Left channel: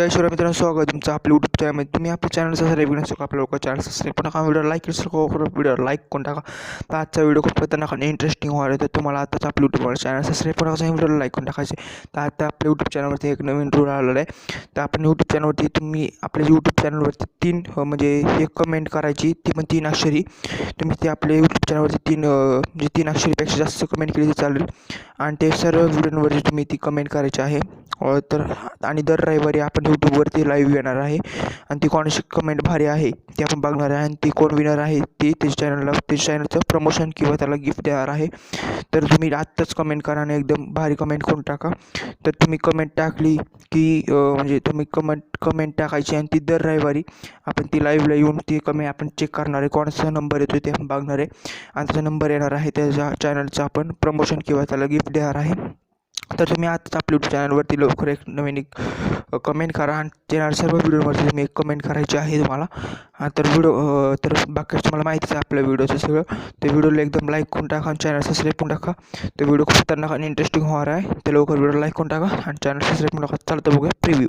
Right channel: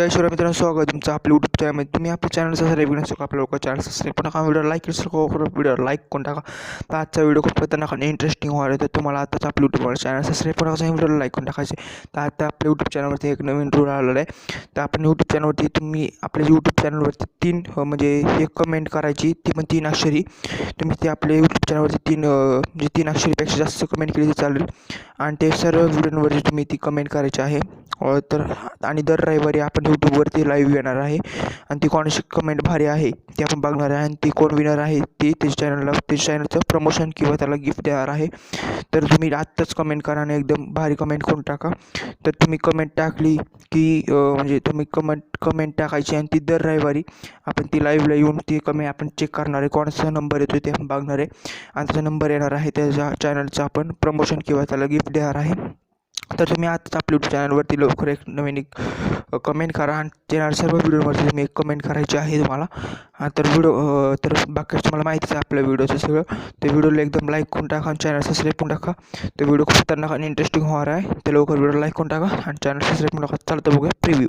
जय शिवराय मित्रांनो, स्वागत आहे तुमचं आपल्या यूट्यूब चॅनलमध्ये। तुम्ही आपल्या चॅनल सबस्क्राईब नसतो का, आपल्या लोक चॅनल सबस्क्राईब पण नका, व्हिडिओ लाईक करू, व्हिडिओ लाईक करून टाका। तर आजचा व्हिडिओ खूप खतरनाक आणि इंटरेस्टिंग होणार आहे, तर तुम्हाला आताच आपल्या यूट्यूब चॅनल सबस्क्राईब पण करायचं, व्हिडिओला लाईक करून टाकायचे। तर आता आपल्या यूट्यूब चॅनलवरती एक नवीन रूल आलेला आहे। तर आपण यूट्यूब चॅनलवरती तुम्ही आपल्या यूट्यूब चॅनलवरती म्हणजे एक कमेंट करायची, ती पण 3 अक्षरी। तुम्ही ते आपल्या यूट्यूब चॅनलवरती म्हणजे 3 अक्षरीपेक्षा जास्त कमेंट केली तर चालेल, आणि ते सर्व व्हिडिओवरती तुम्ही ती कमेंट करायची आहे। तर आणि दर रविवारी आपण यूट्यूबवरती लाईव्ह येणार आहे, आणि ती कोणाची कमेंट भारी आहे ती आपण बघणार आहे, आणि ती कोण विनर आहे ती त्याच्या चॅनलचं प्रमोशन किंवा त्याला गिफ्ट देणार आहे। तर तुम्ही आत्ताच कमेंट करा आणि एकदम भारी कमेंट करून टाका। तर तुम्ही कमेंट टाकली की म्हणजे तुम्ही कमेंट टाकायची, आणि ती दर रविवारी आपण ती लाईव्हला येऊन ती कमेंट आपण चेक करणार आहे, कोणाचा नंबर येतो ते आपण बघणार आहे, आणि त्याचा नंबर येणार आहे, त्याच्या चॅनलचं आपण प्रमोशन किंवा त्याला गिफ्ट देणार आहे। तर तुम्ही आताच आपल्या यूट्यूब चॅनलवरती लवकर एक नवीन कमेंट करा, आणि येणार सर्व व्हिडिओवरती तुम्ही एक कमेंट करायची आहे तुम्हाला। तर बाकी तुम्हाला माहितीच आहे आपल्या व्हिडिओचं सगळं। ते व्हिडिओला एकदम लाईक करून टाका आणि चॅनल सबस्क्राईब करून टाका। ते व्हिडिओ खूप खतरनाक आणि इंटरेस्टिंग होणार आहे, ते लवकर व्हिडिओ लाईक करून टाका आणि चॅनल सबस्क्राईब करून टाका। चालतं बघूया प्रिव्ह्यू।